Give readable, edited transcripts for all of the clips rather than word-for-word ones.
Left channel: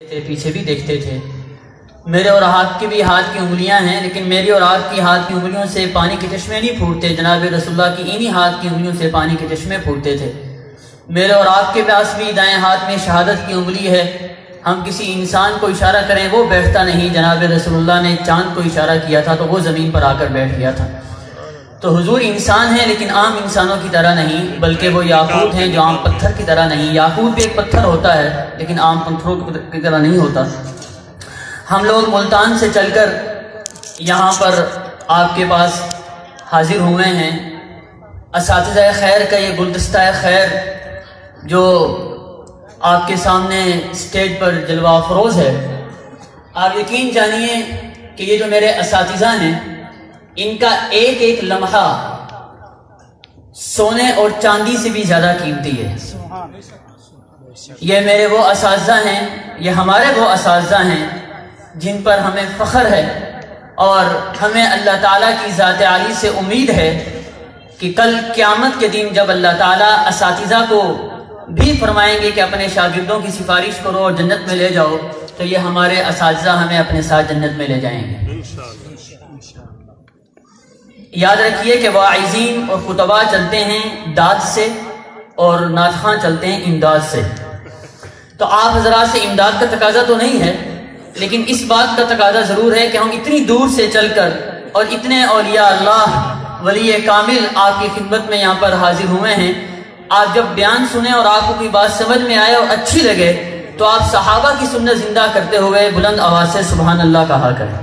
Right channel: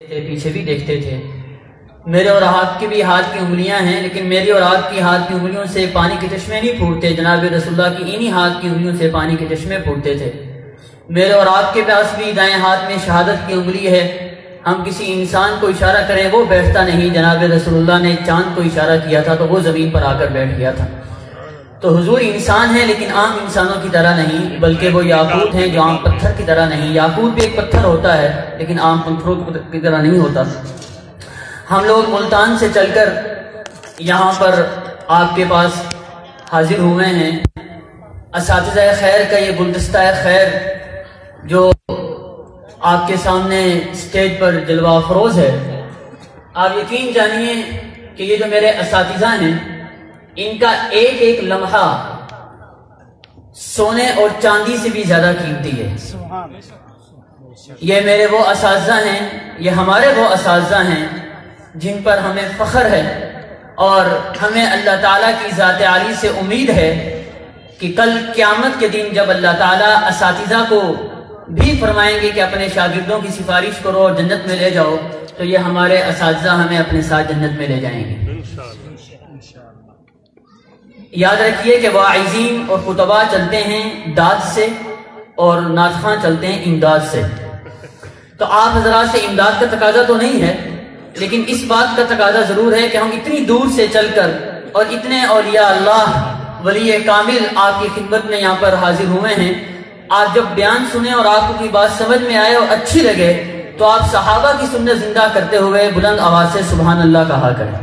پیچھے بھی دیکھتے تھے۔ میرے اور آپ کی بھی ہاتھ کی انگلیاں ہیں، لیکن میری اور آپ کی ہاتھ کی انگلیوں سے پانی کے چشمے نہیں پھوٹتے۔ جناب رسول اللہ کی انہی ہاتھ کی انگلیوں سے پانی کے چشمے پھوٹتے تھے۔ میرے اور آپ کے پاس بھی دائیں ہاتھ میں شہادت کی انگلی ہے۔ ہم کسی انسان کو اشارہ کریں وہ بیٹھتا نہیں۔ جناب رسول اللہ نے چاند کو اشارہ کیا تھا تو وہ زمین پر آ کر بیٹھ گیا تھا۔ تو حضور انسان ہے، لیکن عام انسانوں کی طرح نہیں، بلکہ وہ یاقوت ہیں جو عام پتھر کی طرح نہیں۔ یاقوت بھی ایک پتھر ہوتا ہے لیکن عام پتھروں کی طرح نہیں ہوتا۔ ہم لوگ ملتان سے چل کر یہاں پر آپ کے پاس حاضر ہوئے ہیں۔ اساتذہ خیر کا یہ گلدستہ خیر جو آپ کے سامنے اسٹیج پر جلوہ افروز ہے، آپ یقین جانیے کہ یہ جو میرے اساتذہ ہیں ان کا ایک ایک لمحہ سونے اور چاندی سے بھی زیادہ قیمتی ہے۔ یہ میرے وہ اساتذہ ہیں، یہ ہمارے وہ اساتذہ ہیں جن پر ہمیں فخر ہے، اور ہمیں اللہ تعالیٰ کی ذات عالی سے امید ہے کہ کل قیامت کے دن جب اللہ تعالیٰ اساتذہ کو بھی فرمائیں گے کہ اپنے شاگردوں کی سفارش کرو اور جنت میں لے جاؤ، تو یہ ہمارے اساتذہ ہمیں اپنے ساتھ جنت میں لے جائیں گے۔ یاد رکھیے کہ واعظین اور خطباء چلتے ہیں داد سے اور ناطخاں چلتے ہیں امداد سے۔ تو آپ حضرات سے امداد کا تقاضا تو نہیں ہے، لیکن اس بات کا تقاضا ضرور ہے کہ ہم اتنی دور سے چل کر اور اتنے اولیاء اللہ ولی کامل آپ کی خدمت میں یہاں پر حاضر ہوئے ہیں۔ آپ جب بیان سنیں اور آپ کو کوئی بات سمجھ میں آئے اور اچھی لگے تو آپ صحابہ کی سنت زندہ کرتے ہوئے بلند آواز سے سبحان اللہ کہا کریں۔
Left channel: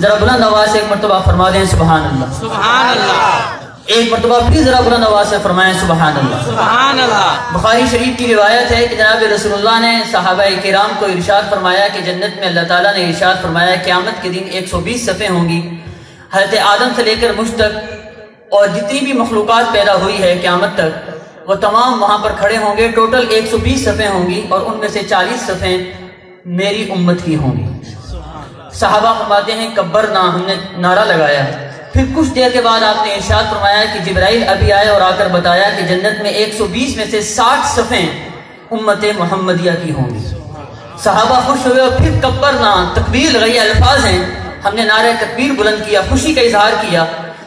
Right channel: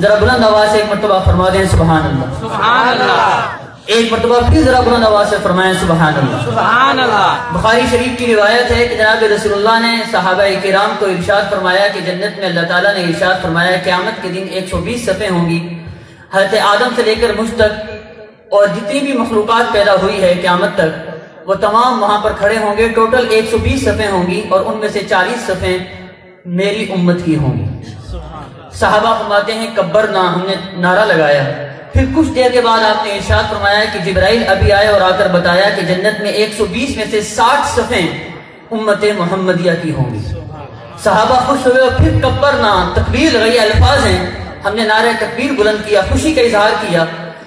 ذرا بلند آواز سے ایک مرتبہ فرما دیں سبحان اللہ، سبحان اللہ۔ ایک مرتبہ پھر ذرا بلند آواز سے فرمائیں سبحان اللہ، سبحان اللہ۔ بخاری شریف کی روایت ہے کہ جناب رسول اللہ نے صحابہ کرام کو ارشاد فرمایا کہ جنت میں اللہ تعالیٰ نے ارشاد فرمایا قیامت کے دن 120 صفیں ہوں گی، حضرت آدم سے لے کر مجھ تک اور جتنی بھی مخلوقات پیدا ہوئی ہے قیامت تک وہ تمام وہاں پر کھڑے ہوں گے۔ ٹوٹل 120 صفیں ہوں گی اور ان میں سے 40 صفیں میری امت کی ہوں گی۔ صحابہ فرماتے ہیں کبرنا، ہم نے نعرہ لگایا۔ پھر کچھ دیر کے بعد آپ نے ارشاد فرمایا کہ جبرائیل ابھی آئے اور آ کر بتایا کہ جنت میں 120 میں سے 60 صفیں امت محمدیہ کی ہوں گی۔ صحابہ خوش ہوئے اور پھر کبرنا، تکبیر لگائی، الفاظ ہیں، ہم نے نعرہ تکبیر بلند کیا، خوشی کا اظہار کیا۔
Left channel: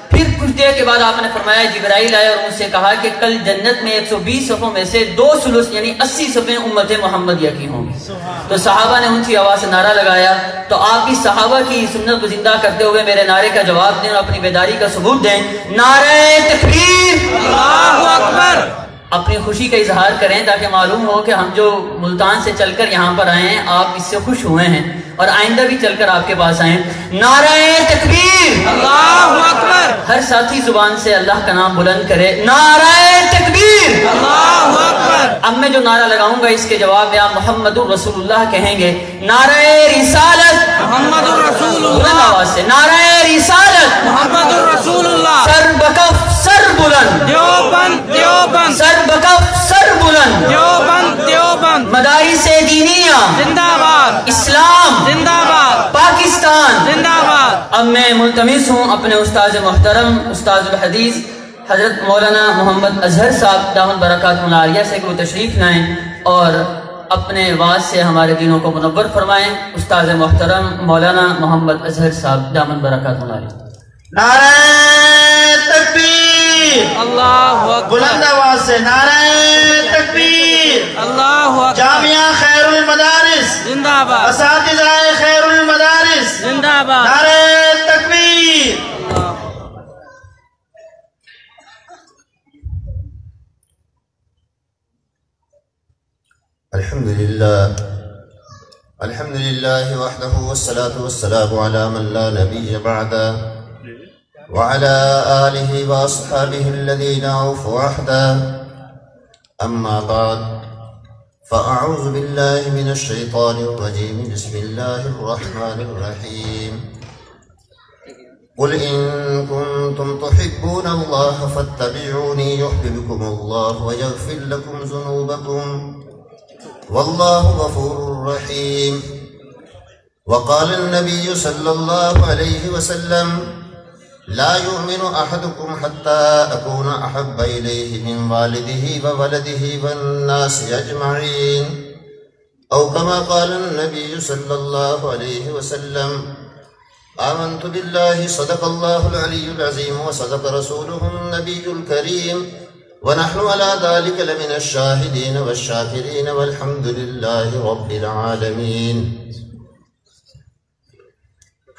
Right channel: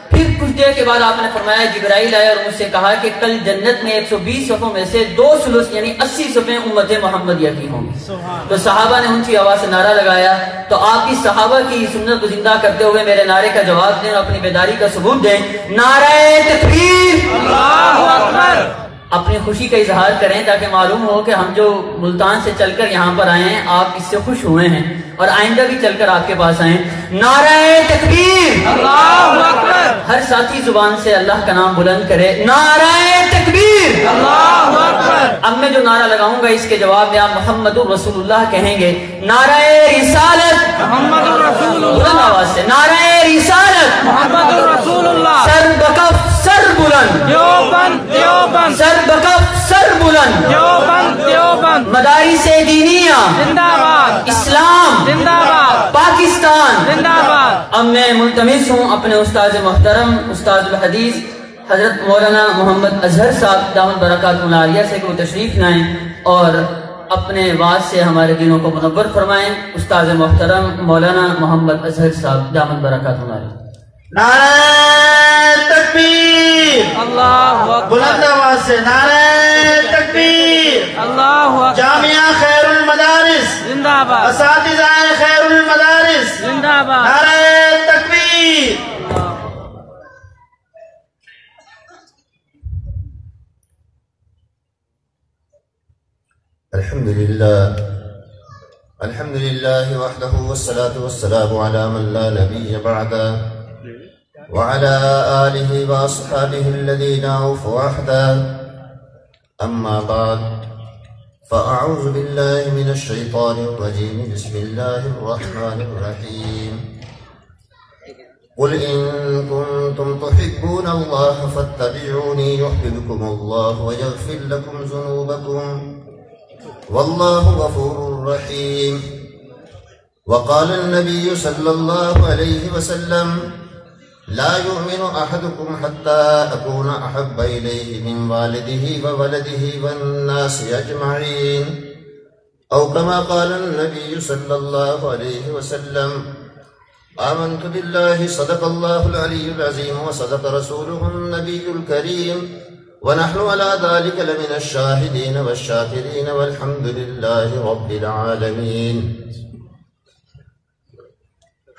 پھر کچھ دیر کے بعد آپ نے فرمایا جبرائیل آئے اور ان سے کہا کہ کل جنت میں 120 صفوں میں سے 2 ثلث یعنی 80 صفیں امت محمدیہ کی ہوں گی۔ تو صحابہ نے اونچی آواز سے نعرہ لگایا۔ تو آپ کی صحابہ کی سنت کو زندہ کرتے ہوئے میرے نعرے کا جواب دیں اور اپنی بیداری کا ثبوت دیں۔ نعرہ تکبیر، اللہ اکبر۔ اپنی خوشی کا اظہار کریں تاکہ معلوم ہو کہ ہم جو ملتان سے چل کر یہاں پر آئے ہیں آپ اس سے خوش ہوئے ہیں اور آئندہ بھی چل کر آپ کے پاس آئیں۔ نعرہ تکبیر، اللہ اکبر۔ ہر ساتھی زبان سے اللہ کا نام بلند کرے، نعرہ تکبیر، اللہ اکبر۔ اب میں جو نعرہ لگاؤں گا اس کے جواب میں آپ محمد الرسول اللہ کہیں گے۔ نعرہ رسالت، محمد الرسول اللہ سے، نعرہ رسالت، محمد الرسول اللہ، سر بکف سر بلند، دیوبند دیوبند، سر بکف سر بلند، دیوبند دیوبند، مدارس دینیہ زندہ باد، اسلام زندہ باد، پاکستان زندہ باد۔ اب میں ملتمس ہوں اپنے استاد محترم استاد الحدیث حضرت مولانا محمد اظہر صاحب دامت برکاتہ العالیہ سے کہ وہ تشریف لائیں اور اپنے واعظ سے ہمارے دلوں کو منور فرمائیں۔ استاد محترم مولانا محمد اظہر صاحب دامت برکاتہ العالیہ۔ نعرہ تکبیر، اللہ اکبر۔ بلند آواز سے نعرہ تکبیر، اللہ اکبر۔ جامعہ خیر المدارس زندہ باد، اساتذہ خیر المدارس زندہ باد، نعرہ تکبیر۔ الحمد لله وحده والصلاة والسلام على من لا نبي بعده وعلى آله وأصحابه الذين أوفوا عهدا. أما بعد فأعوذ بالله من الشيطان الرجيم. بسم الله الرحمن الرحيم. قل إن كنتم تحبون الله فاتبعوني يحببكم الله ويغفر لكم ذنوبكم والله غفور رحيم. وقال النبي صلى الله عليه وسلم لا يؤمن أحدكم حتى أكون أحب إليه من والده وولده والناس أجمعين. أو كما قال النبي صلى الله عليه وسلم آمنت بالله صدق الله العلي العظيم وصدق رسوله النبي الكريم ونحن على ذلك لمن الشاهدين والشاكرين والحمد لله رب العالمين.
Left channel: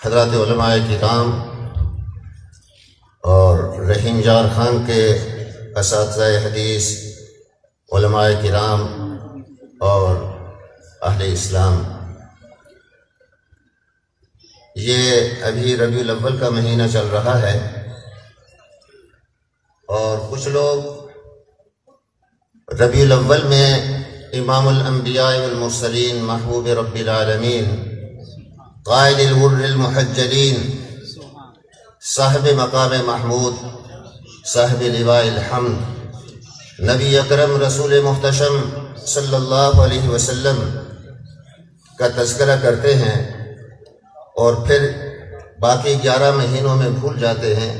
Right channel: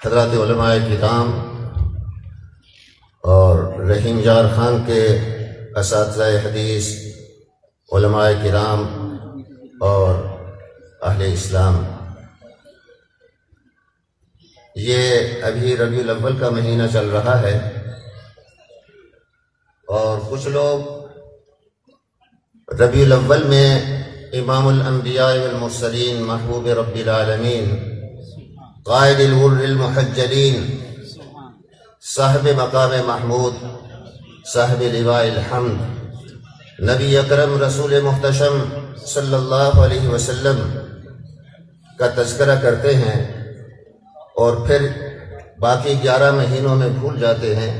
حضرات علماء کرام اور رحیم جار خان کے اساتذہ حدیث، علماء کرام اور اہل اسلام، یہ ابھی ربیع الاول کا مہینہ چل رہا ہے اور کچھ لوگ ربیع الاول میں امام الانبیاء والمرسلین، محبوب رب العالمین، قائد الغر المحجلین، صاحب مقام محمود، صاحب لواء الحمد، نبی اکرم رسول محتشم صلی اللہ علیہ وسلم کا تذکرہ کرتے ہیں اور پھر باقی 11 مہینوں میں بھول جاتے ہیں.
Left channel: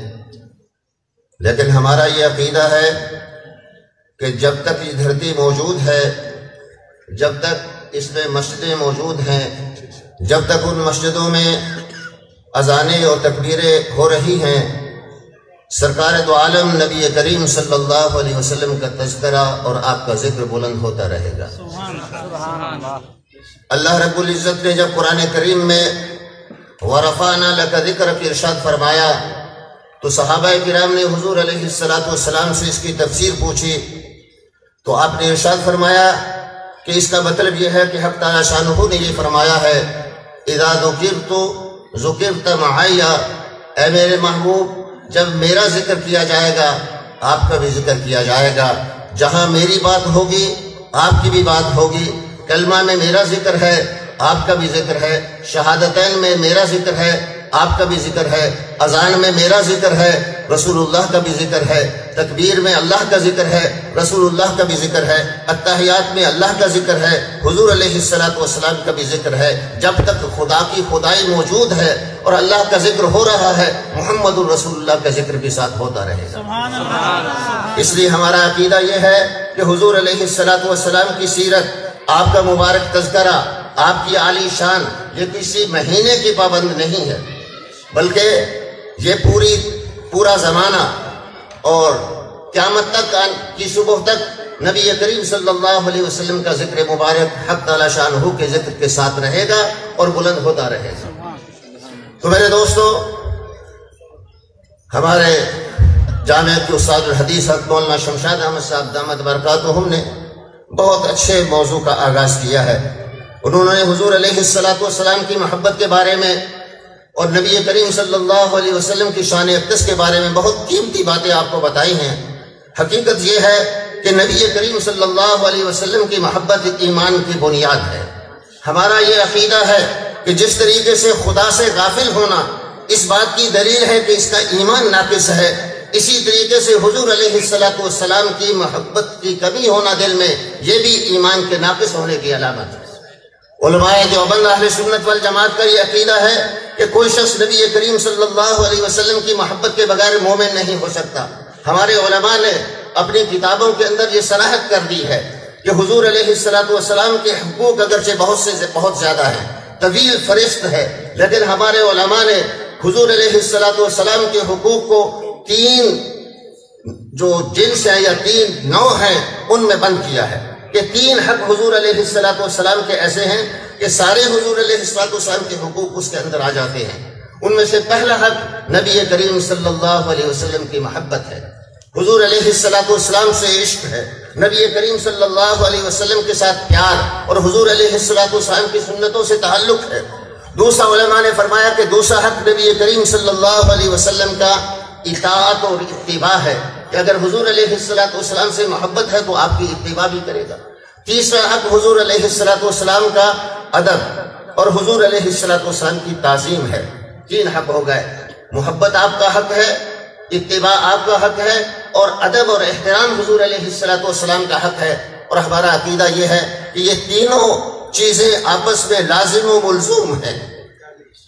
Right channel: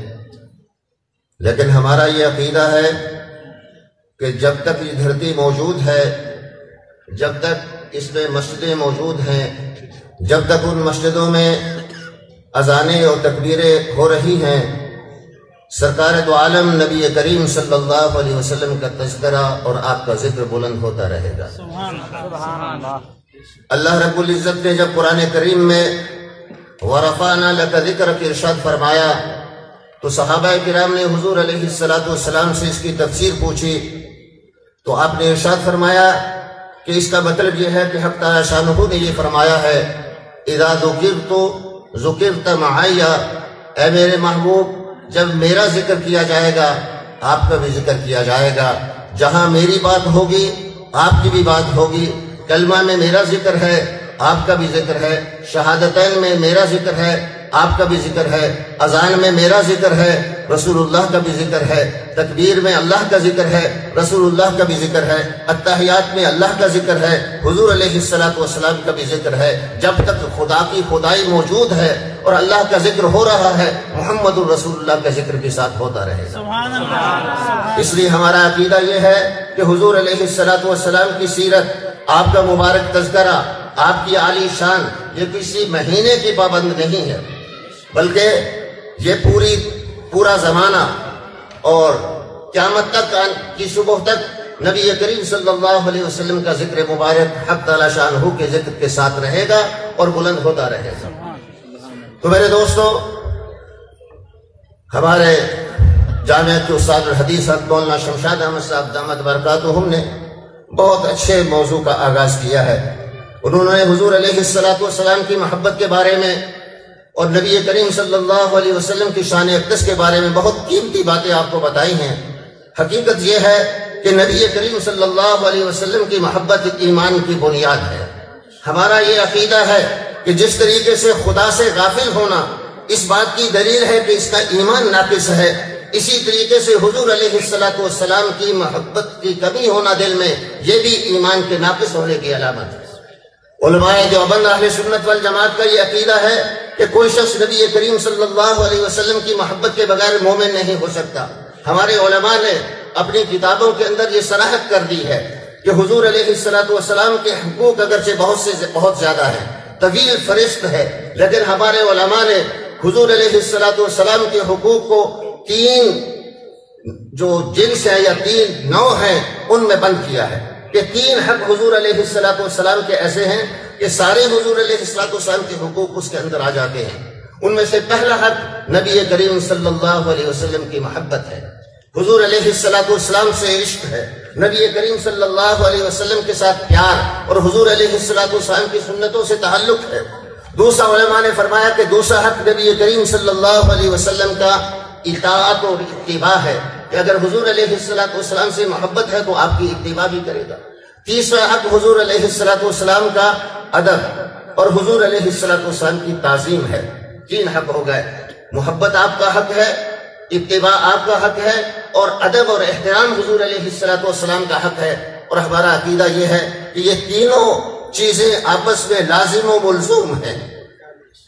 لیکن ہمارا یہ عقیدہ ہے کہ جب تک یہ دھرتی موجود ہے، جب تک اس میں مسجدیں موجود ہیں، جب تک ان مسجدوں میں اذانیں اور تکبیریں ہو رہی ہیں، سرکار دو عالم نبی کریم صلی اللہ علیہ وسلم کا تذکرہ اور آپ کا ذکر بلند ہوتا رہے گا. اللہ رب العزت نے جب قرآن کریم میں وَرَفَعْنَا لَكَ ذِكْرَكَ ارشاد فرمایا تو صحابہ کرام نے حضور علیہ السلام سے اس کی تفسیر پوچھی تو آپ نے ارشاد فرمایا کہ اس کا مطلب یہ ہے کہ حق تعالی شانہ نے یہ فرمایا ہے اذا ذکرت ذکرت معی، اے میرے محبوب جب میرا ذکر کیا جائے گا آپ کا بھی ذکر کیا جائے گا. جہاں میری بات ہوگی آپ کی بھی بات ہوگی. کلمہ میں میرا ذکر ہے آپ کا بھی ذکر ہے، شہادتین میں میرا ذکر ہے آپ کا بھی ذکر ہے، اذان میں میرا ذکر ہے رسول اللہ کا بھی ذکر ہے، تکبیر میں اللہ کا ذکر ہے رسول اللہ کا بھی ذکر ہے، التحیات میں اللہ کا ذکر ہے، حضور علیہ السلام کا بھی ذکر ہے. جب تک خدا کی خدائی موجود ہے اور اللہ کا ذکر ہو رہا ہے، محمد الرسول اللہ کا ذکر بھی ساتھ ہوتا رہے گا. اس لیے ہمارا عقیدہ یہ ہے کہ حضور علیہ السلام کی سیرت، آپ کا مبارک تذکرہ، آپ کی عالی شان یہ کسی مہینے کی پابند نہیں ہے، بلکہ یہ پورا زمانہ اور قیامت تک کی صبح تک نبی کریم صلی اللہ علیہ وسلم کا ذکر مبارک حق تعالی شانہ کے ذکر کے ساتھ رہے گا اور بلند ہوتا رہے گا. تو میرے دوستو، ہمارے جامعہ کے استاد الحدیث مولانا شمشاد احمد صاحب دامت برکاتہم نے بہت اچھے موضوع کا آغاز کیا ہے. انہوں نے حضور علیہ السلام کی محبت کے بارے میں اور نبی کریم صلی اللہ علیہ وسلم کی شان اقدس کے بارے میں بہت قیمتی باتیں آپ کو بتائی ہیں. حقیقت یہ ہے کہ نبی کریم صلی اللہ علیہ وسلم کی محبت ایمان کی بنیاد ہے. ہمارا یہ عقیدہ ہے کہ جس طریقے سے خدا سے غافل ہونا اس بات کی دلیل ہے کہ اس کا ایمان ناقص ہے، اسی طریقے سے حضور علیہ السلام کی محبت کی کمی ہونا دل میں یہ بھی ایمان کے ناقص ہونے کی علامت ہے. علماء دیوبند اہل سنت والجماعت کا یہ عقیدہ ہے کہ کوئی شخص نبی کریم صلی اللہ علیہ وسلم کی محبت کے بغیر مومن نہیں ہو سکتا. ہمارے علماء نے اپنی کتابوں کے اندر یہ صراحت کر دی ہے کہ حضور علیہ السلام کے حقوق اگرچہ بہت زیادہ ہیں، طویل فہرست ہے، لیکن ہمارے علماء نے حضور علیہ السلام کے حقوق کو 3 جو جنس ہے یا 3 نوع ہیں ان میں بند کیا ہے کہ 3 حق حضور علیہ السلام کے ایسے ہیں کہ سارے حضور علیہ السلام کے حقوق اس کے اندر آ جاتے ہیں. ان میں سے پہلا حق نبی کریم صلی اللہ علیہ وسلم کی محبت ہے، حضور علیہ السلام سے عشق ہے، نبی کریم صلی اللہ علیہ وسلم کے ساتھ پیار اور حضور علیہ السلام کی سنتوں سے تعلق ہے. دوسرا علماء نے فرمایا کہ دوسرا حق نبی کریم صلی اللہ علیہ وسلم کا اطاعت اور اتباع ہے کہ اگر حضور علیہ السلام سے محبت ہے تو آپ کی اتباع بھی کرے گا. تیسرا حق حضور علیہ السلام کا ادب اور حضور علیہ السلام کی تعظیم ہے. 3 حق ہو گئے. محبت آپ کا حق ہے، اتباع آپ کا حق ہے اور ادب اور احترام حضور علیہ السلام کا حق ہے. اور ہمارا عقیدہ یہ ہے کہ یہ تینوں چیزیں آپس میں لازم و ملزوم ہیں.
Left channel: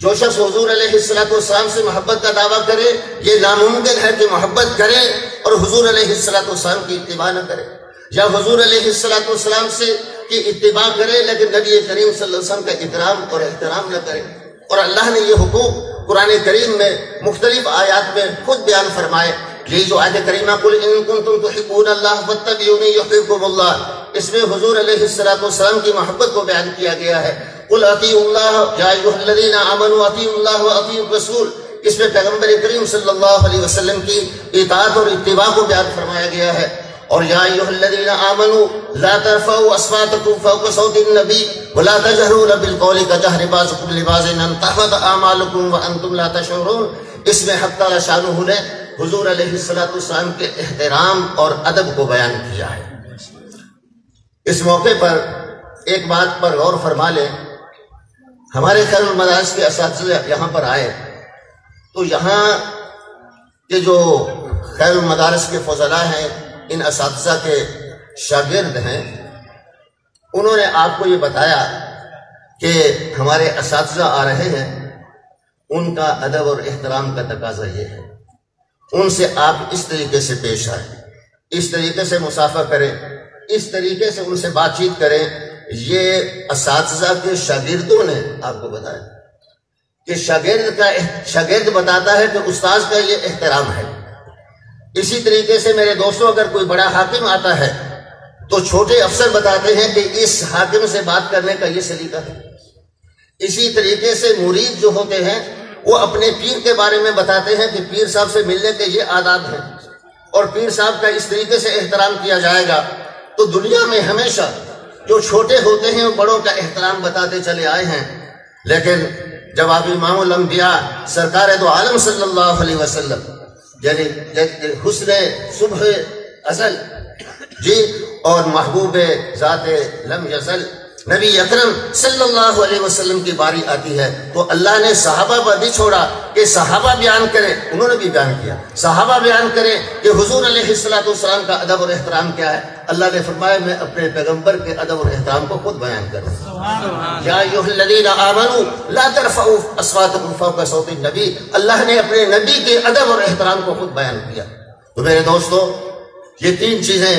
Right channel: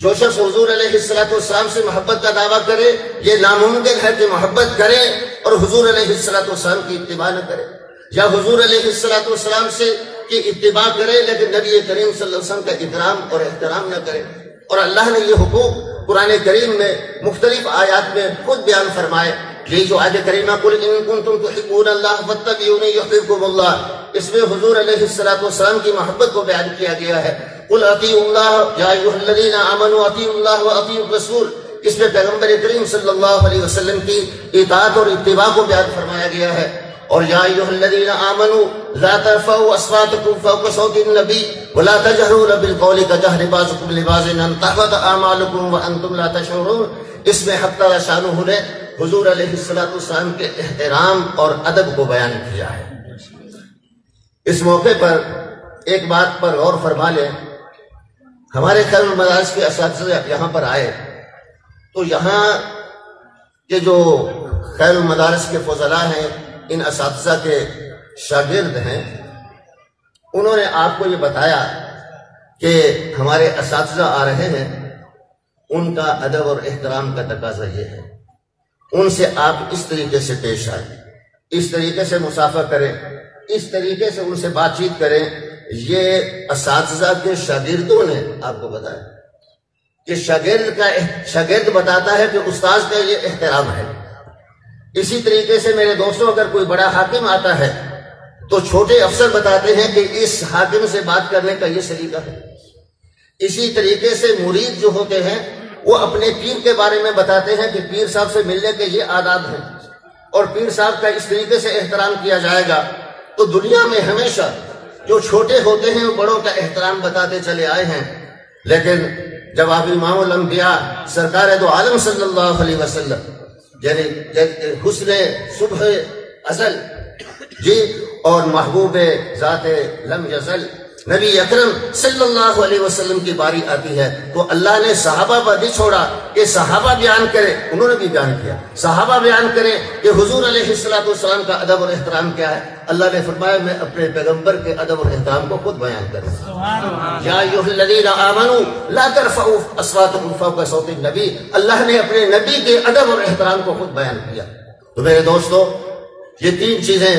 جو شخص حضور علیہ السلام سے محبت کا دعویٰ کرے یہ ناممکن ہے کہ محبت کرے اور حضور علیہ السلام کی اتباع نہ کرے، یا حضور علیہ السلام سے کی اتباع کرے لیکن نبی کریم صلی اللہ علیہ وسلم کا اکرام اور احترام نہ کرے. اور اللہ نے یہ حقوق قرآن کریم میں مختلف آیات میں خود بیان فرمائے. یہ جو آیت کریمہ قل ان کنتم تحبون اللہ فاتبعونی یحببکم اللہ، اس میں حضور علیہ السلام کی محبت کو بیان کیا گیا ہے. قل اطیعوا اللہ یا ایھا الذین آمنوا اطیعوا اللہ واطیعوا الرسول، اس میں پیغمبر کریم صلی اللہ علیہ وسلم کی اطاعت اور اتباع کو بیان فرمایا گیا ہے. اور یا ایھا الذین آمنوا لا ترفعوا اصواتکم فوق صوت النبی ولا تجهروا بالقول كجهر بعضکم لبعض ان تحبط اعمالکم وانتم لا تشعرون، اس میں حق تعالی شانہ نے حضور علیہ السلام کے احترام اور ادب کو بیان کیا ہے. اس موقع پر ایک بات پر غور فرما لیں. ہمارے خیر المدارس کے اساتذہ یہاں پر آئے تو یہاں کے جو خیر المدارس کے فضلاء ہیں، ان اساتذہ کے شاگرد ہیں، انہوں نے آپ کو یہ بتایا کہ ہمارے اساتذہ آ رہے ہیں، ان کا ادب اور احترام کا تقاضا یہ ہے، ان سے آپ اس طریقے سے پیش آئیں، اس طریقے سے مصافحہ کریں، اس طریقے سے ان سے بات چیت کریں. یہ اساتذہ کے شاگردوں نے آپ کو بتایا کہ شاگرد بتاتا ہے کہ استاذ کا یہ احترام ہے. اسی طریقے سے میرے دوستوں، اگر کوئی بڑا حاکم آتا ہے تو چھوٹے افسر بتاتے ہیں کہ اس حاکم سے بات کرنے کا یہ سلیقہ ہے. اسی طریقے سے مرید جو ہوتے ہیں وہ اپنے پیر کے بارے میں بتاتے ہیں کہ پیر صاحب سے ملنے کے یہ آداب ہیں اور پیر صاحب کا اس طریقے سے احترام کیا جائے گا. تو دنیا میں ہمیشہ جو چھوٹے ہوتے ہیں وہ بڑوں کا احترام بتاتے چلے آئے ہیں، لیکن جب آپ امام الانبیاء سرکار دو عالم صلی اللہ علیہ وسلم یعنی حسن صبح ازل جی اور محبوب ذات لم یزل نبی اکرم صلی اللہ علیہ وسلم کی باری آتی ہے تو اللہ نے صحابہ پر بھی چھوڑا کہ صحابہ بیان کریں. انہوں نے بھی بیان کیا، صحابہ بیان کریں کہ حضور علیہ السلام کا ادب اور احترام کیا ہے. اللہ نے فرمایا میں اپنے پیغمبر کے ادب اور احترام کو خود بیان کروں. یا ایھا الذین آمنوا لا ترفعوا اصواتکم فوق صوت النبی، اللہ نے اپنے نبی کے ادب اور احترام کو خود بیان کیا. تو میرے دوستو، یہ تین چیزیں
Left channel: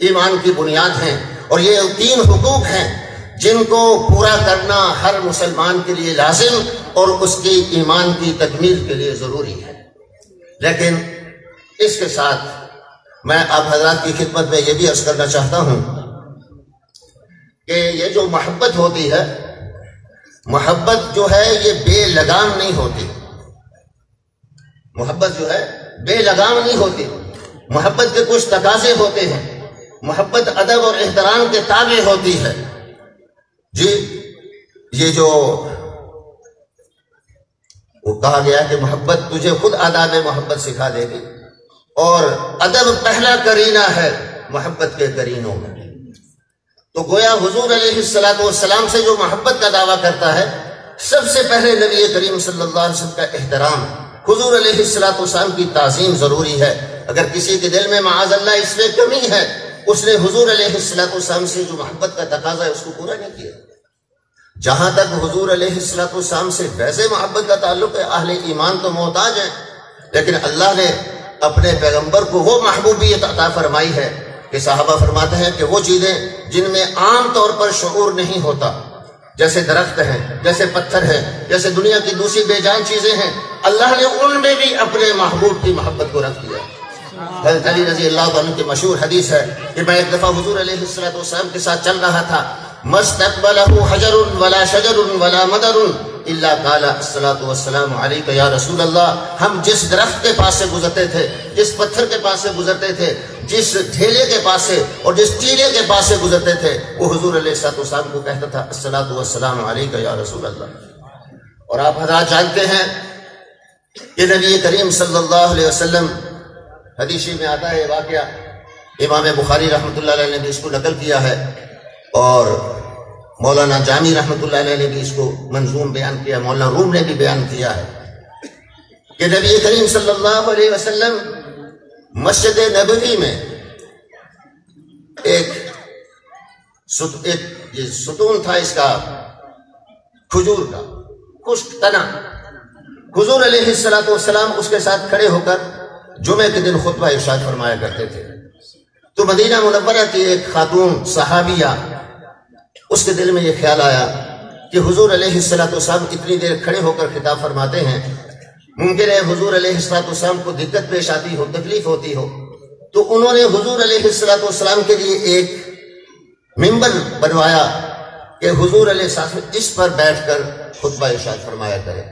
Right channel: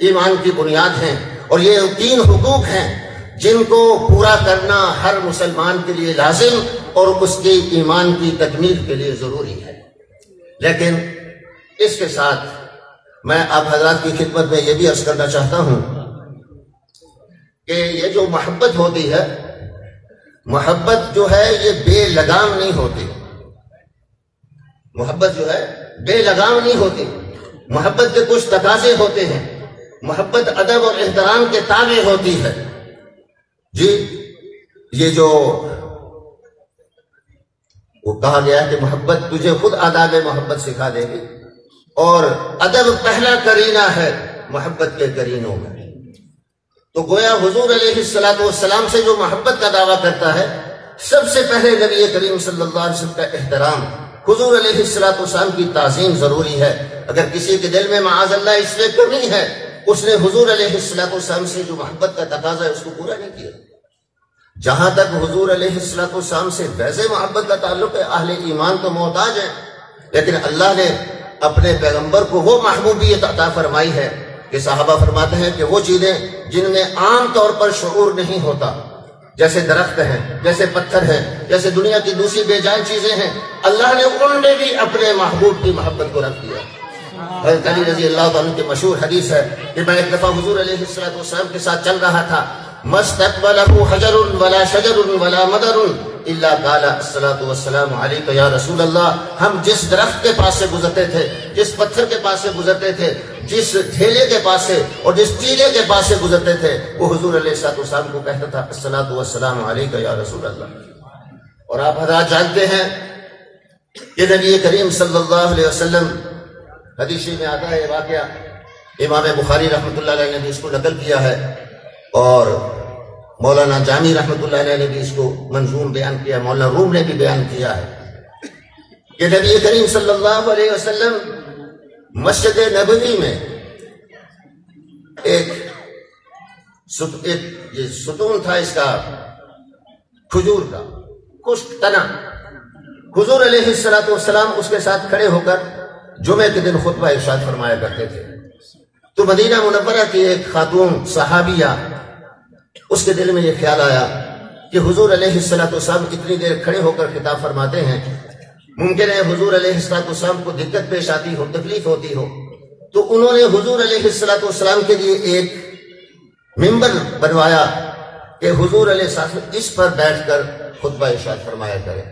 ایمان کی بنیاد ہیں اور یہ تین حقوق ہیں جن کو پورا کرنا ہر مسلمان کے لیے لازم اور اس کی ایمان کی تکمیل کے لیے ضروری ہے. لیکن اس کے ساتھ میں آپ حضرات کی خدمت میں یہ بھی عرض کرنا چاہتا ہوں کہ یہ جو محبت ہوتی ہے، محبت جو ہے یہ بے لگام نہیں ہوتی. محبت جو ہے بے لگام نہیں ہوتی. محبت کے کچھ تقاضے ہوتے ہیں. محبت ادب اور احترام کے تابع ہوتی ہے. جی یہ جو وہ کہا گیا کہ محبت تجھے خود آداب محبت سکھا دے گی، اور ادب پہلا کرینہ ہے محبت کے کرینوں میں. تو گویا حضور علیہ السلام سے جو محبت کا دعویٰ کرتا ہے، سب سے پہلے نبی کریم صلی اللہ علیہ وسلم کا احترام، حضور علیہ السلام کی تعظیم ضروری ہے. اگر کسی کے دل میں معاذ اللہ اس میں کمی ہے، اس نے حضور علیہ السلام سے جو محبت کا تقاضا ہے اس کو پورا نہیں کیا. جہاں تک حضور علیہ السلام سے ویسے محبت کا تعلق ہے، اہل ایمان تو محتاج ہیں، لیکن اللہ نے اپنے پیغمبر کو وہ محبوبیت عطا فرمائی ہے کہ صحابہ فرماتے ہیں کہ وہ چیزیں جن میں عام طور پر شعور نہیں ہوتا، جیسے درخت ہیں، جیسے پتھر ہیں، جیسے دنیا کی دوسری بے جان چیزیں ہیں، اللہ نے ان میں بھی اپنے محبوب کی محبت کو رکھ دیا. حضرت علی رضی اللہ عنہ کی مشہور حدیث ہے کہ میں ایک دفعہ حضور علیہ السلام کے ساتھ چل رہا تھا، مستقبلہ حجر ولا شجر ولا مدر الا قال الصلاۃ والسلام علیک یا رسول اللہ. ہم جس درخت کے پاس سے گزرتے تھے، جس پتھر کے پاس سے گزرتے تھے، جس ڈھیلے کے پاس سے اور جس ٹیلے کے پاس سے گزرتے تھے، وہ حضور علیہ السلام کو کہتا تھا الصلاۃ والسلام علیک یا رسول اللہ. اور آپ حضرات جانتے ہیں کہ نبی کریم صلی اللہ علیہ وسلم، حدیث میں آتا ہے واقعہ، امام بخاری رحمۃ اللہ علیہ نے بھی اس کو نقل کیا ہے اور مولانا جامی رحمۃ اللہ علیہ نے بھی اس کو منظوم بیان کیا، مولانا روم نے بھی بیان کیا ہے کہ نبی کریم صلی اللہ علیہ وسلم مسجد نبوی میں ایک یہ ستون تھا اس کا کھجور کا خشک تنا. حضور علیہ السلام اس کے ساتھ کھڑے ہو کر جمعے کے دن خطبہ ارشاد فرمایا کرتے تھے. تو مدینہ منورہ کی ایک خاتون صحابیہ اس کے دل میں یہ خیال آیا کہ حضور علیہ السلام اتنی دیر کھڑے ہو کر خطاب فرماتے ہیں، ممکن ہے حضور علیہ السلام کو دقت پیش آتی ہو، تکلیف ہوتی ہو، تو انہوں نے حضور علیہ السلام کے لیے ایک ممبر بنوایا کہ حضور علیہ السلام اس پر بیٹھ کر خطبہ ارشاد فرمایا کرے۔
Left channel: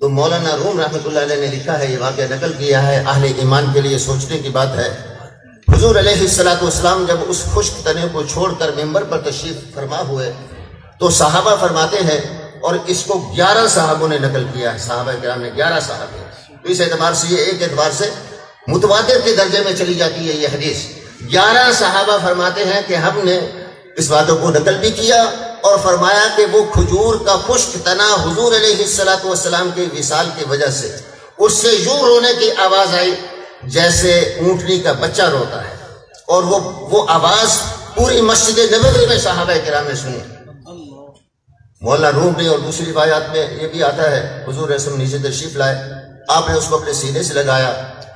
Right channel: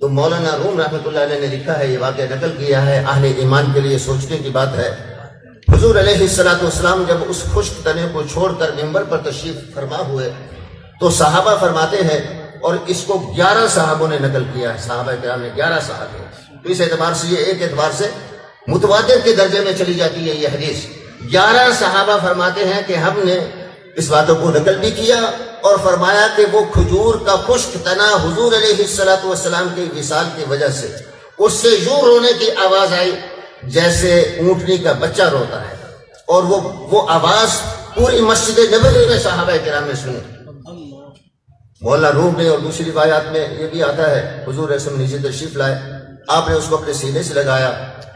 تو مولانا روم رحمۃ اللہ علیہ نے لکھا ہے، یہ واقعہ نقل کیا ہے، اہل ایمان کے لیے سوچنے کی بات ہے۔ حضور علیہ السلام جب اس خشک تنے کو چھوڑ کر ممبر پر تشریف فرما ہوئے تو صحابہ فرماتے ہیں، اور اس کو 11 صحابوں نے نقل کیا ہے، صحابہ کرام نے 11 صحابے، تو اس اعتبار سے یہ ایک اعتبار سے متواتر کے درجے میں چلی جاتی ہے یہ حدیث۔ 11 صحابہ فرماتے ہیں کہ ہم نے اس باتوں کو نقل بھی کیا اور فرمایا کہ وہ کھجور کا خشک تنا حضور علیہ السلام کے وصال کی وجہ سے اس سے یوں رونے کی آواز آئی جیسے اونٹنی کا بچہ روتا ہے، اور وہ آواز پوری مسجد نبوی میں صحابہ کرام نے سنی۔ مولانا روم نے اور دوسری روایات میں یہ بھی آتا ہے، حضور رسول نیچے تشریف لائے، آپ نے اس کو اپنے سینے سے لگایا،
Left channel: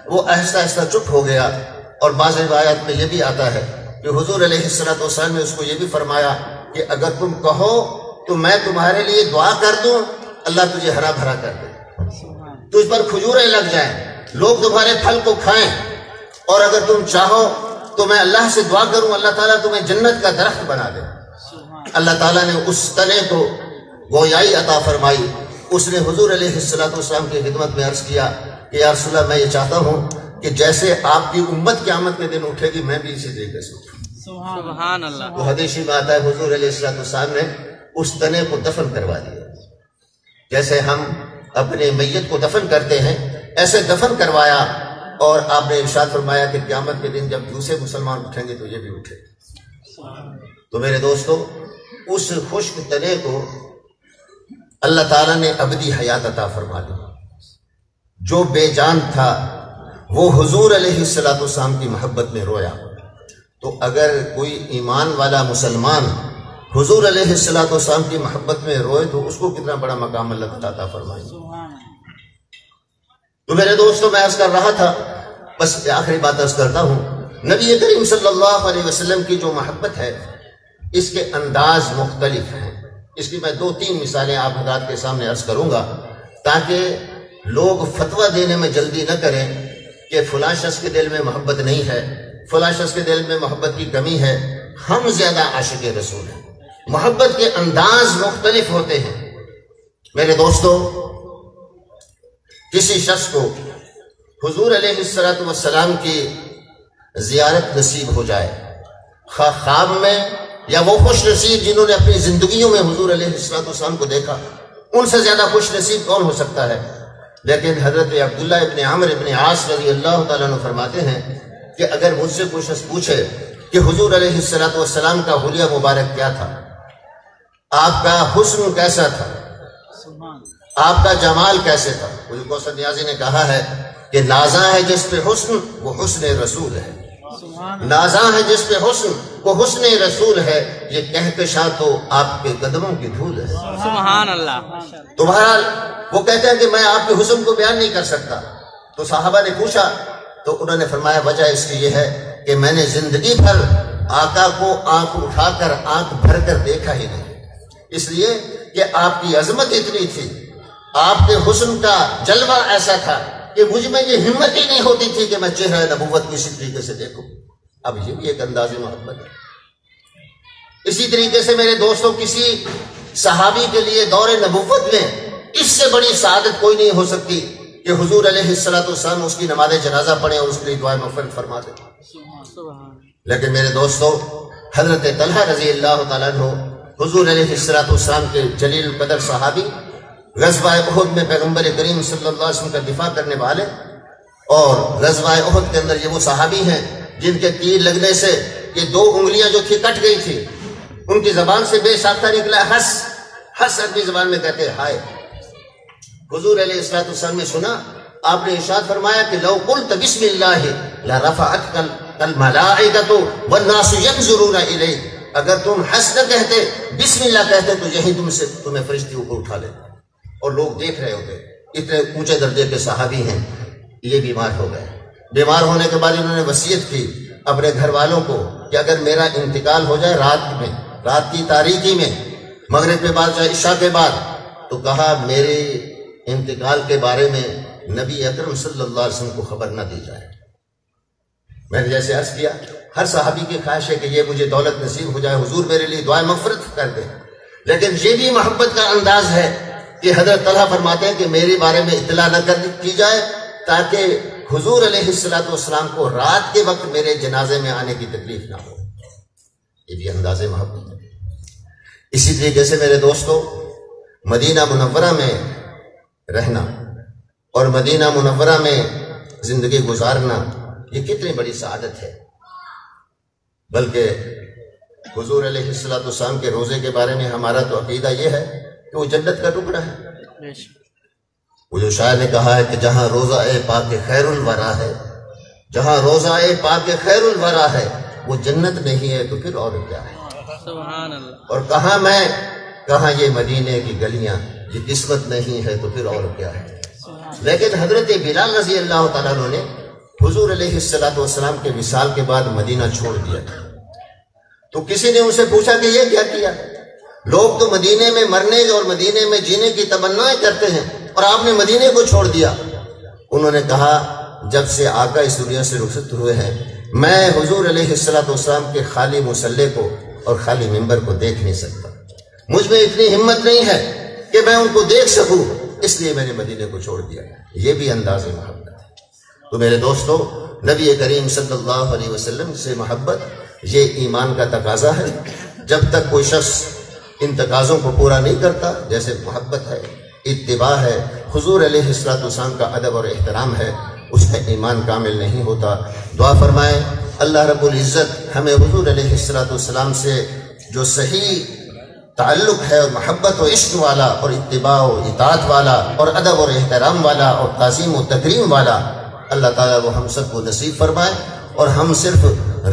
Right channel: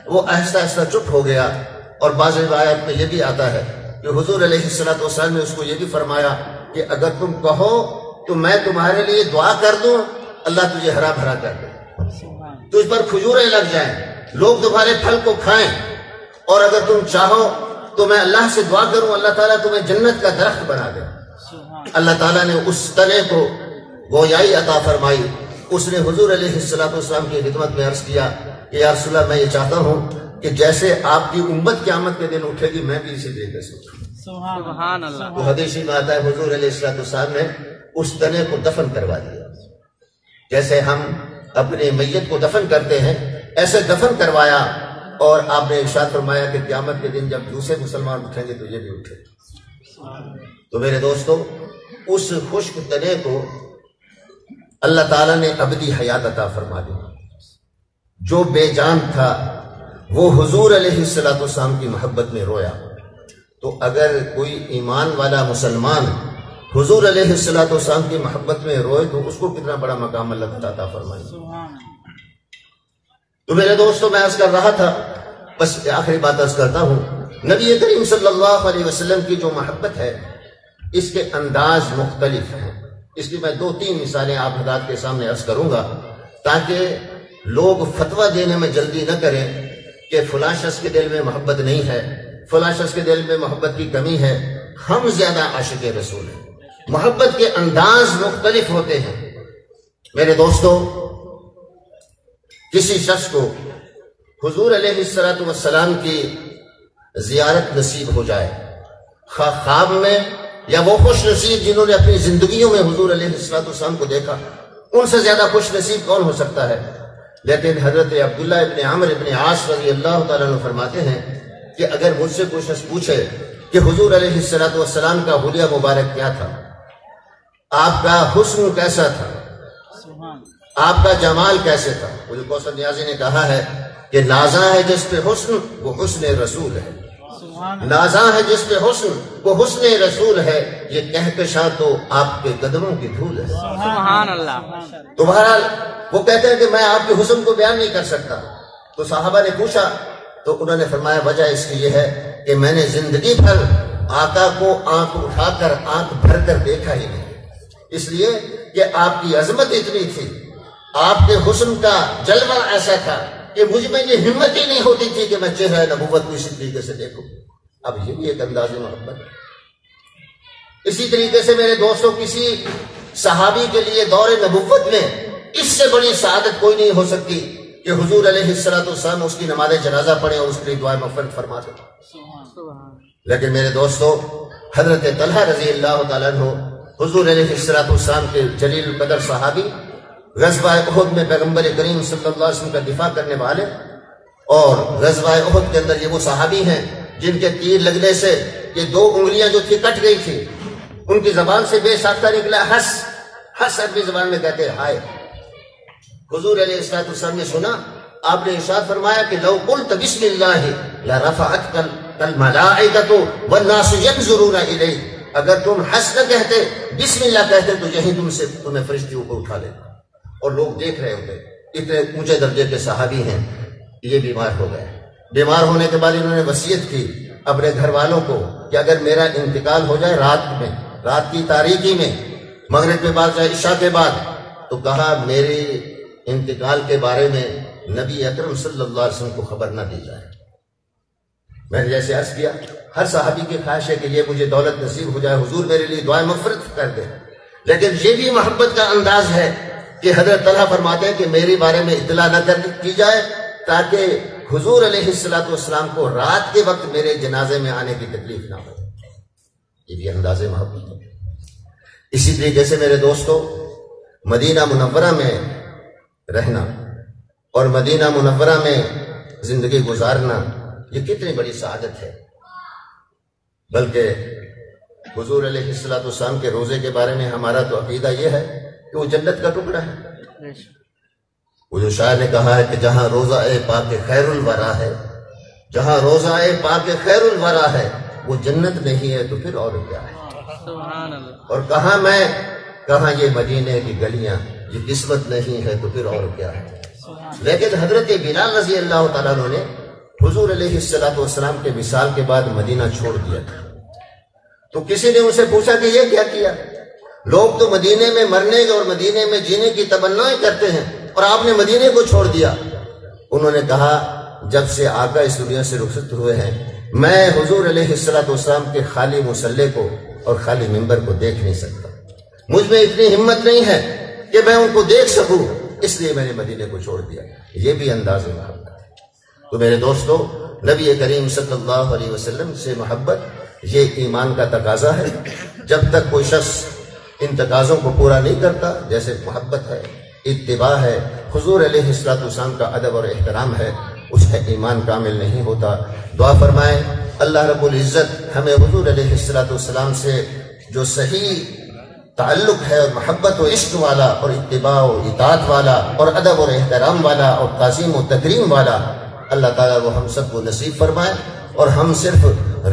وہ آہستہ آہستہ چپ ہو گیا، اور بعض روایات میں یہ بھی آتا ہے کہ حضور علیہ السلام نے اس کو یہ بھی فرمایا کہ اگر تم کہو تو میں تمہارے لیے دعا کر دوں، اللہ تجھے ہرا بھرا کر دے، تجھ پر کھجوریں لگ جائیں، لوگ تمہارے پھل کو کھائیں، اور اگر تم چاہو تو میں اللہ سے دعا کروں اللہ تعالیٰ تمہیں جنت کا درخت بنا دے۔ اللہ تعالیٰ نے اس تنے کو گویائی عطا فرمائی۔ اس نے حضور علیہ السلام کی خدمت میں عرض کیا کہ یا رسول اللہ، میں یہ چاہتا ہوں کہ جیسے آپ کی امت قیامت کے دن اٹھے گی میں بھی اسی طریقے سے اٹھوں۔ سبحان اللہ۔ تو حدیث میں آتا ہے حضور علیہ السلام نے اس تنے کو دفن کروا دیا، جیسے ہم اپنے میت کو دفن کرتے ہیں ایسے دفن کروایا، اور آپ نے ارشاد فرمایا کہ قیامت کے دن جب دوسرے مسلمان اٹھیں گے تو یہ بھی اٹھے۔ تو میرے دوستو، اس خشک تنے کو اللہ تعالیٰ نے ابدی حیات عطا فرما دی۔ جو بے جان تھا وہ حضور علیہ السلام کی محبت میں رویا، تو اگر کوئی ایمان والا مسلمان حضور علیہ السلام کی محبت میں روئے تو اس کو کتنا بڑا مقام اللہ تعالیٰ عطا فرمائے۔ تو میرے دوستو، میں عرض کر رہا تھا، بس آخری بات عرض کرتا ہوں، نبی کریم صلی اللہ علیہ وسلم کی جو محبت ہے اس کے انداز مختلف ہیں۔ اس کی میں 2-3 مثالیں آپ حضرات کے سامنے عرض کروں گا تاکہ لوگ فتویٰ دینے میں جلدی نہ کریں کہ فلاں شخص کے دل میں محبت نہیں ہے، فلاں شخص کے دل میں محبت کی کمی ہے۔ ہم زیادہ عاشق رسول ہیں، محبت کے انداز مختلف ہوتے ہیں۔ میرے دوستو، کسی شخص کو حضور علیہ السلام کی زیارت نصیب ہو جائے، خواب میں یا وہ خوش نصیب جنہوں نے اپنی زندگیوں میں حضور علیہ السلام کو دیکھا، ان سے زیادہ خوش نصیب کون ہو سکتا ہے؟ لیکن حضرت عبداللہ ابن عمرو ابن عاص رضی اللہ تعالیٰ عنہ فرماتے ہیں کہ اگر مجھ سے کوئی شخص پوچھے کہ حضور علیہ السلام کا حلیہ مبارک کیا تھا، آپ کا حسن کیسا تھا، آپ کا جمال کیسے تھا، حضور کوثر نیازی نے کہا ہے کہ نازاں ہے جس پہ حسن وہ حسن رسول ہے، نازاں ہے جس پہ حسن وہ حسن رسول ہے، یہ کہکشاں تو آپ کے قدموں کی دھول ہے۔ سبحان اللہ۔ تو بہرحال وہ کہتے ہیں کہ میں آپ کے حسن کو بیان نہیں کر سکتا۔ تو صحابہ نے پوچھا تو انہوں نے فرمایا وجہ اس کی یہ ہے کہ میں نے زندگی بھر آقا کو آنکھ اٹھا کر آنکھ بھر کر دیکھا ہی نہیں، اس لیے کہ آپ کی عظمت اتنی تھی، آپ کے حسن کا جلوہ ایسا تھا کہ مجھ میں یہ ہمت ہی نہیں ہوتی تھی کہ میں چہرہ نبوت کو اسی طریقے سے دیکھوں۔ اب یہ بھی ایک انداز محبت ہے۔ اسی طریقے سے میرے دوستوں، کسی صحابی کے لیے دور نبوت میں اس سے بڑی سعادت کوئی نہیں ہو سکتی کہ حضور علیہ السلام اس کی نماز جنازہ پڑھیں اور اس کے لیے دعائیں مغفرت فرما دیں۔ لیکن میرے دوستو، حضرت طلحہ رضی اللہ تعالیٰ عنہ حضور علیہ السلام کے جلیل القدر صحابی، غزوہ احد میں پیغمبر کریم صلی اللہ علیہ وسلم کا دفاع کرنے والے، اور غزوہ احد کے اندر یہ وہ صحابی ہیں جن کے تیر لگنے سے یہ 2 انگلیاں جو تھی کٹ گئی تھی، ان کی زبان سے بے ساختہ نکلا ہس عربی زبان میں کہتے ہیں ہائے۔ حضور علیہ السلام نے سنا، آپ نے ارشاد فرمایا کہ لو قلت بسم اللہ لرفعتک الملائکۃ والناس ينظرون الیک، اگر تم ہنس نہ کہتے، بسم اللہ کہتے تو یہی تمہیں فرشتیوں کو اٹھا لے اور لوگ دیکھ رہے ہوتے۔ اتنے اونچے درجے کے صحابی ہیں، یہ بیمار ہو گئے۔ بیمار ہونے کے بعد انہوں نے وصیت کی اپنے گھر والوں کو کہ اگر میرا انتقال ہو جائے رات میں رات کی تاریکی میں، مغرب کے بعد یا عشاء کے بعد، تو کہا میرے انتقال کے بارے میں نبی اکرم صلی اللہ علیہ وسلم کو خبر نہ دی جائے۔ میں نے جیسے عرض کیا، ہر صحابی کی خواہش ہے کہ یہ مجھے دولت نصیب ہو جائے، حضور میرے لیے دعائیں مغفرت کر دیں، لیکن یہ بھی محبت کا انداز ہے کہ حضرت طلحہ فرماتے ہیں کہ میرے بارے میں اطلاع نہ کی جائے تاکہ حضور علیہ السلام کو رات کے وقت میرے جنازے میں آنے کی تکلیف نہ ہو۔ یہ بھی انداز محبت ہے۔ اسی طریقے سے میرے دوستو، مدینہ منورہ میں رہنا اور مدینہ منورہ میں زندگی گزارنا یہ کتنی بڑی سعادت ہے، بلکہ حضور علیہ السلام کے روزے کے بارے میں ہمارا تو عقیدہ یہ ہے کہ وہ جنت کا ٹکڑا ہے۔ وہ جو شاعر نے کہا ہے کہ جہاں روزہ پاک خیر الورا ہے، جہاں روزہ پاک خیر الورا ہے، وہ جنت نہیں ہے تو پھر اور کیا ہے؟ سبحان اللہ۔ اور کہاں یہ مدینے کی گلیاں، یہ قسمت نہیں ہے تو پھر اور کیا ہے؟ لیکن حضرت بلال رضی اللہ تعالیٰ عنہ نے حضور علیہ السلام کے وصال کے بعد مدینہ چھوڑ دیا تھا، تو کسی نے ان سے پوچھا کہ یہ کیا کیا؟ لوگ تو مدینے میں مرنے اور مدینے میں جینے کی تمنائیں کرتے ہیں اور آپ نے مدینے کو چھوڑ دیا۔ انہوں نے کہا جب سے آقا اس دنیا سے رخصت ہوئے ہیں میں حضور علیہ السلام کے خالی مصلے کو اور خالی منبر کو دیکھ نہیں سکتا، مجھ میں اتنی ہمت نہیں ہے کہ میں ان کو دیکھ سکوں، اس لیے میں نے مدینے کو چھوڑ دیا۔ یہ بھی انداز محبت ہے۔ تو میرے دوستو، نبی کریم صلی اللہ علیہ وسلم سے محبت یہ ایمان کا تقاضا ہے۔ جب تک کوئی شخص ان تقاضوں کو پورا نہیں کرتا، جیسے محبت ہے، اتباع ہے، حضور علیہ السلام کا ادب اور احترام ہے، اس کا ایمان کامل نہیں ہوتا۔ دعا فرمائیں اللہ رب العزت ہمیں حضور علیہ السلام سے جو صحیح تعلق ہے اور محبت و عشق والا اور اتباع و اطاعت والا اور ادب اور احترام والا اور تعظیم و تکریم والا، اللہ تعالیٰ وہ ہم سب کو نصیب فرمائے، اور ہم صرف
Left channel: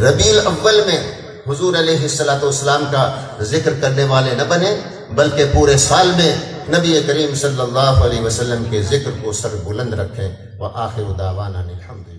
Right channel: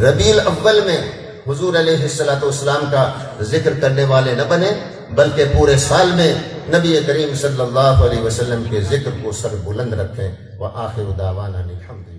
ربیع الاول میں حضور علیہ السلام کا ذکر کرنے والے نہ بنے، بلکہ پورے سال میں نبی کریم صلی اللہ علیہ وسلم کے ذکر کو سر بلند رکھیں۔ وآخر دعوانا الحمدللہ۔